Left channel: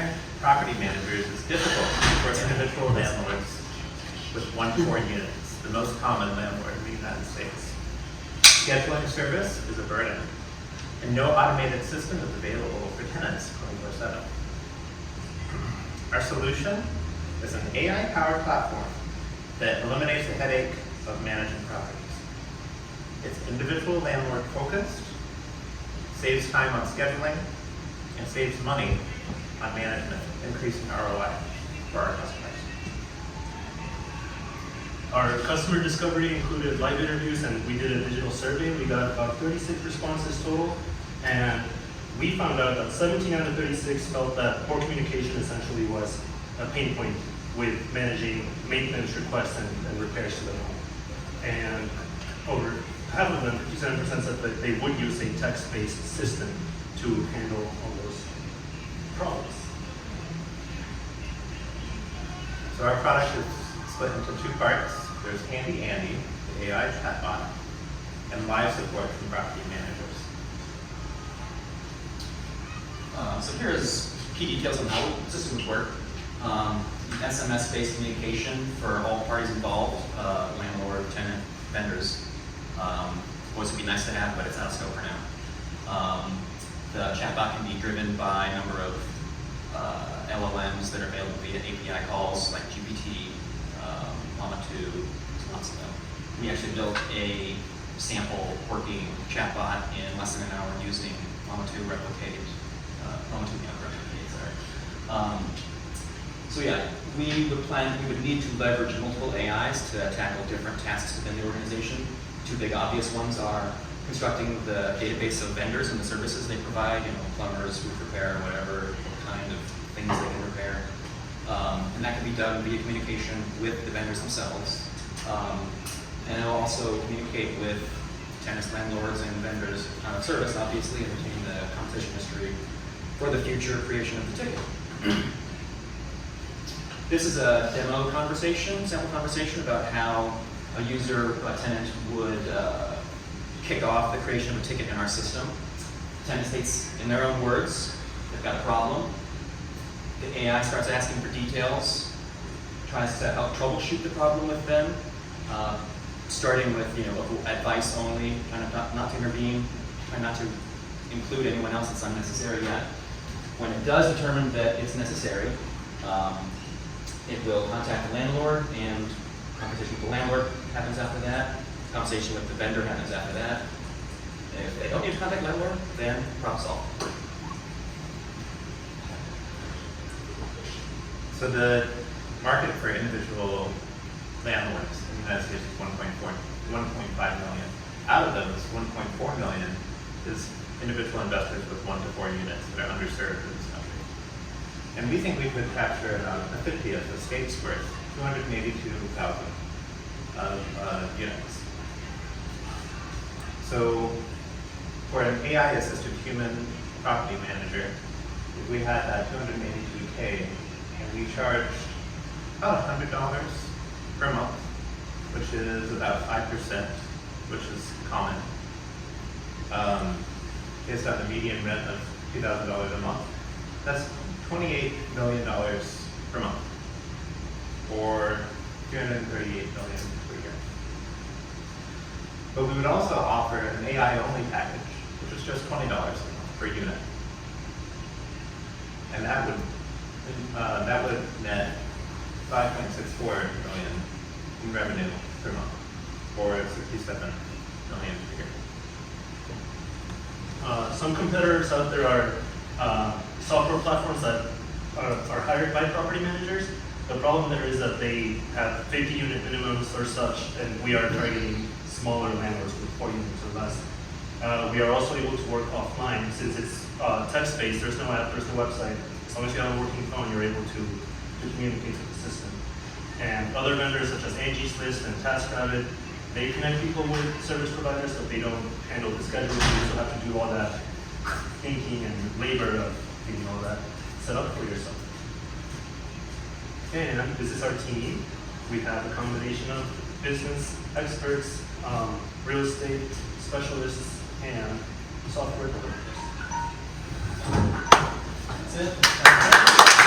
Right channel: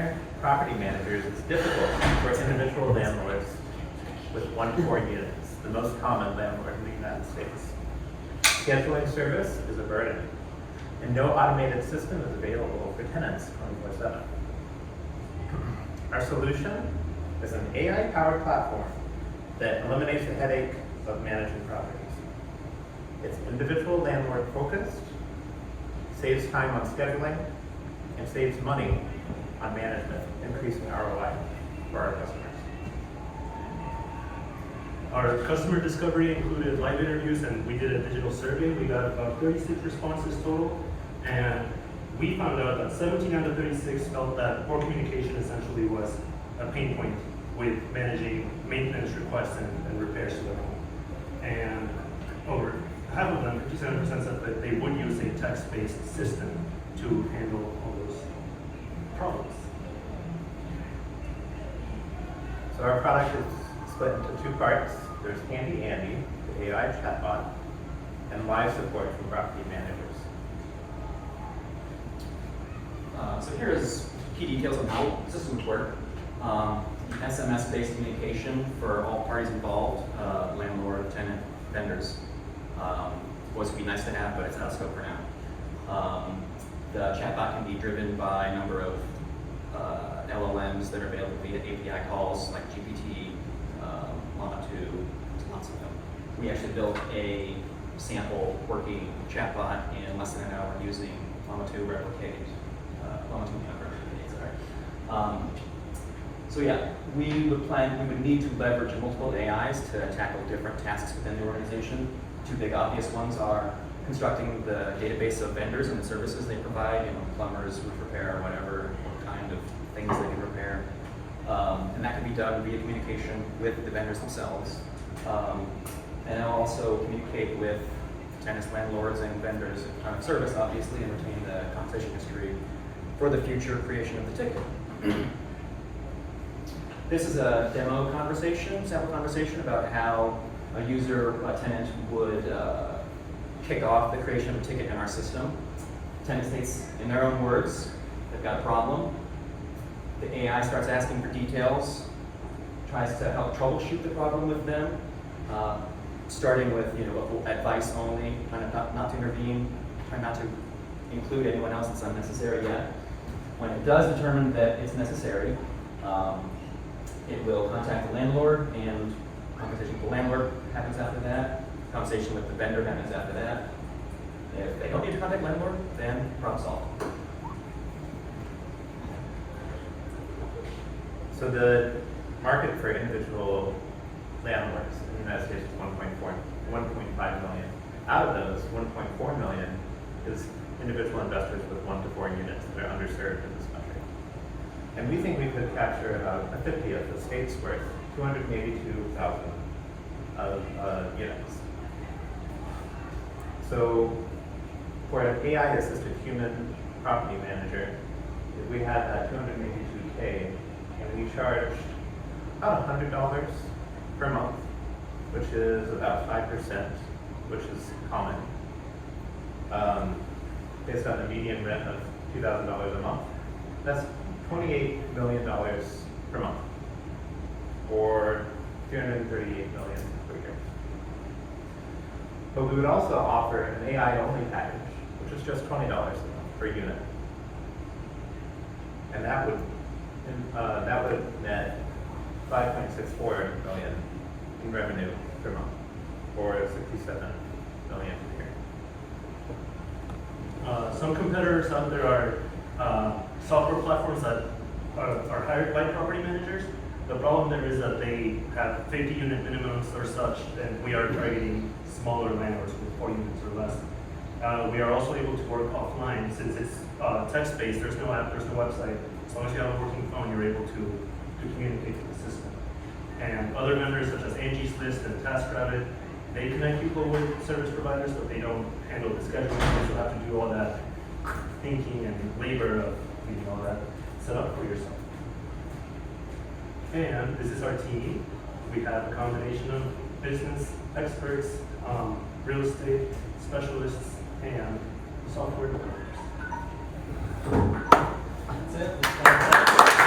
hiring property managers is difficult for individual landlords with 1 to 4 units, the most common landlord in the United States. Scheduling service is a burden, and no automated system is available for tenants 24/7. Our solution is an AI-powered platform that eliminates the headache of managing properties. It's individual landlord focused, saves time on scheduling, and saves money on management, increasing ROI for our customers. Our customer discovery included live interviews, and we did a digital survey. We got about 36 responses total, and we found out that 17 out of 36 felt that poor communication essentially was a pain point with managing maintenance requests and repairs to the home. And over half of them, 57%, said that they would use a text-based system to handle all those problems. So our product is split into 2 parts. There's Handy Andy, the AI chatbot, and live support from property managers. So here's key details on how the system would work. SMS-based communication for all parties involved, landlord, tenant, vendors. Voice would be nice to have, but it's out of scope for now. The chatbot can be driven by a number of LLMs that are available via API calls like GPT, Llama 2, lots of them. We actually built a sample working chatbot in less than an hour using Llama 2 Replicate, Llama 2 Replicate, sorry. So yeah, we would need to leverage multiple AIs to tackle different tasks within the organization. 2 big obvious ones are constructing the database of vendors and the services they provide, plumbers, roof repair, whatever, what kind of things they can repair. And that can be done via communication with the vendors themselves. And it'll also communicate with tenants, landlords, and vendors service, obviously, and retain the conversation history for the future creation of the ticket. This is a demo conversation, sample conversation about how a user, a tenant, would kick off the creation of a ticket in our system. The tenant states in their own words, they've got a problem. The AI starts asking for details, tries to help troubleshoot the problem with them, starting with advice only, trying not to intervene, trying not to include anyone else that's unnecessary yet. When it does determine that it's necessary, it will contact the landlord, and conversation with the landlord happens after that. Conversation with the vendor happens after that. If they don't need to contact landlord, then problem solved. So the market for individual landlords in the United States is 1.5 million. Out of those, 1.4 million is individual investors with 1 to 4 units that are underserved in this country. And we think we could capture about a 50th of the state's worth, 282,000 of units. So for an AI-assisted human property manager, if we had that 282K and we charged about $100 per month, which is about 5%, which is common, based on the median rent of $2,000 a month, that's $28 million per month, or $338 million per year. But we would also offer an AI-only package, which is just $20 a month per unit, and that would net $5.64 million in revenue per month, or $67 million per year. Some competitors out there are software platforms that are hired by property managers. The problem there is that they have 50 unit minimums or such, and we are targeting smaller landlords with 4 units or less. We are also able to work offline since it's text-based. There's no app, there's no website. As long as you have a working phone, you're able to communicate to the system. And other vendors such as Angie's List and TaskRabbit, they connect people with service providers, but they don't handle the scheduling. You also have to do all that thinking and labor of getting all that set up for yourself. And this is our team. We have a combination of business experts, real estate specialists, and software developers. That's it.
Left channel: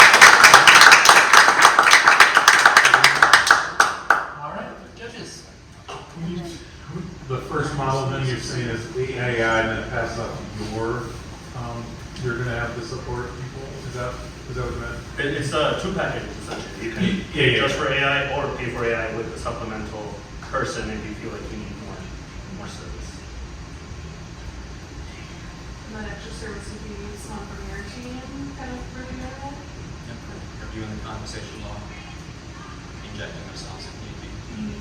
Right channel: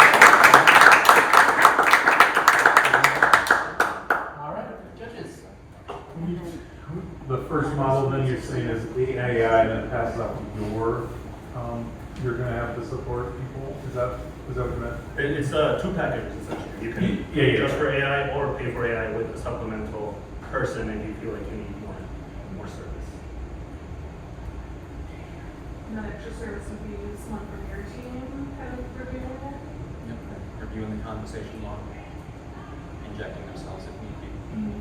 Is that what you meant? It's two packages essentially. You can Yeah, pay yeah, just yeah. for AI or pay for AI with a supplemental person if you feel like you need more service. And that extra service would be someone from your team kind of reviewing it? Yep, reviewing the conversation log, injecting themselves if need be.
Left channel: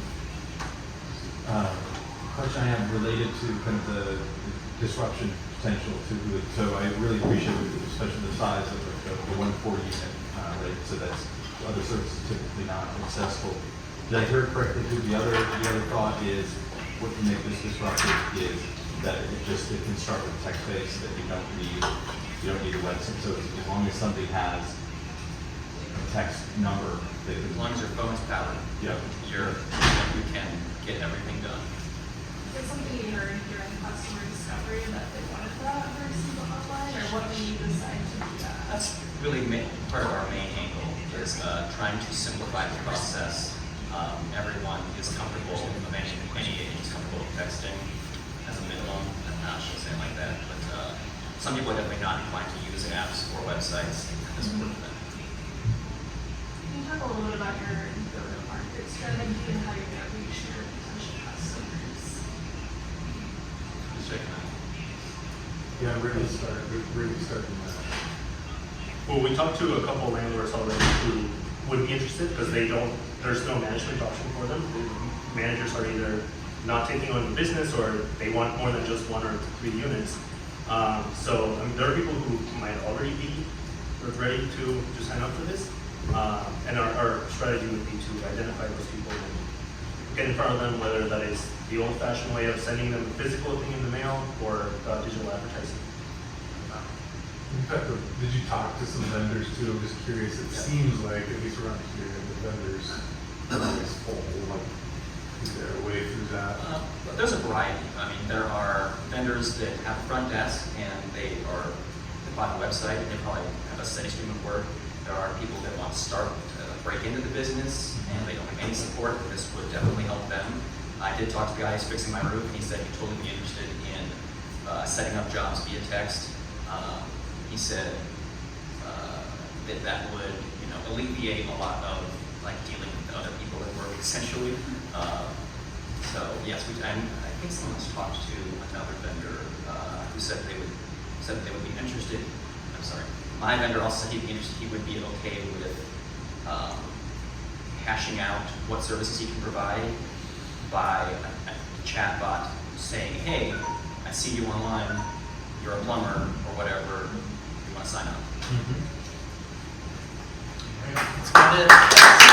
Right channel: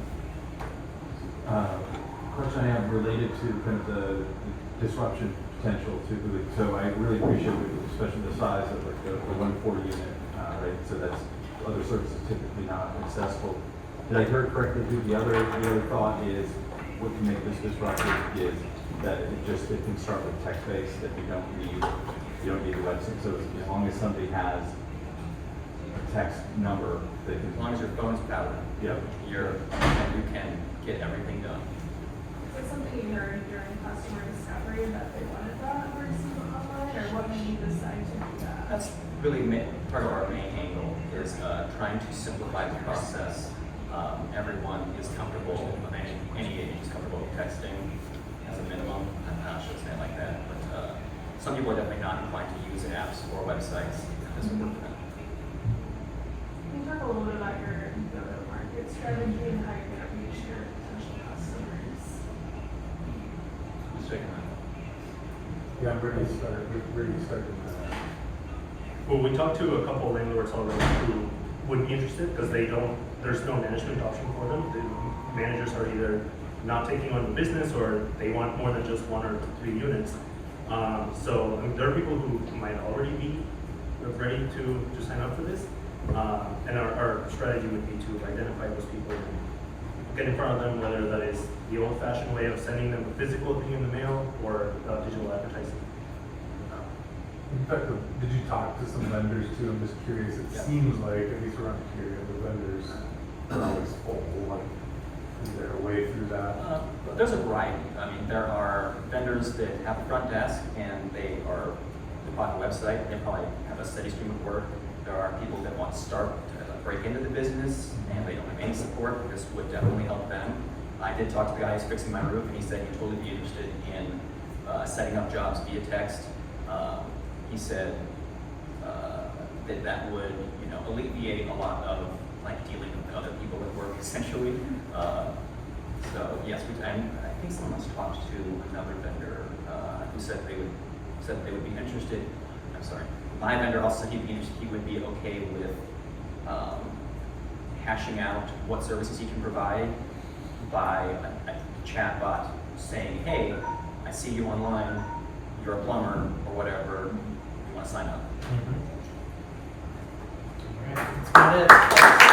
Question I have related to kind of the disruption potential to it. So I really appreciate it, especially the size of like the 140 unit, right? So that's other services typically not accessible. Did I hear it correctly? Too? The other thought is what can make this disruptive is that it can start with text based, that you don't need a website. So as long as somebody has a text number, they can. As long as your phone's powered, Yeah. you can get everything done. Is it something you heard during customer discovery that they wanted that versus the hotline, or what made you decide to do that? That's really part of our main angle is trying to simplify the process. Everyone is comfortable, any agent is comfortable with texting as a minimum. I should say it like that, but some people are definitely not inclined to use apps or websites. This would work for them. Can you talk a little bit about your go-to-market strategy and how you're going to reach your potential customers? Who's taking that? Yeah, I'm ready to start, ready to start in that. Well, we talked to a couple landlords already who would be interested because there's no management option for them. The managers are either not taking on the business or they want more than just 1 or 3 units. So I mean, there are people who might already be ready to sign up for this. And our strategy would be to identify those people and get in front of them, whether that is the old-fashioned way of sending them a physical thing in the mail or digital advertising. In fact, did you talk to some vendors too? I'm just curious. It Yeah. seems like, at least around here, the vendors are always full. Like, is there a way through that? But there's a variety. I mean, there are vendors that have a front desk and they buy a website, they probably have a steady stream of work. There are people that want to start, break into the business and they don't have any support. This would definitely help them. I did talk to the guy who's fixing my roof and he said he'd totally be interested in setting up jobs via text. He said that would, alleviate a lot of like dealing with other people at work essentially. So yes, I think someone else talked to another vendor who said they would be interested. I'm sorry, my vendor also said he'd be interested. He would be okay with hashing out what services he can provide by a chat bot saying, "Hey, I see you online. You're a plumber or whatever. You want to sign up?" Mm-hmm. That's about it.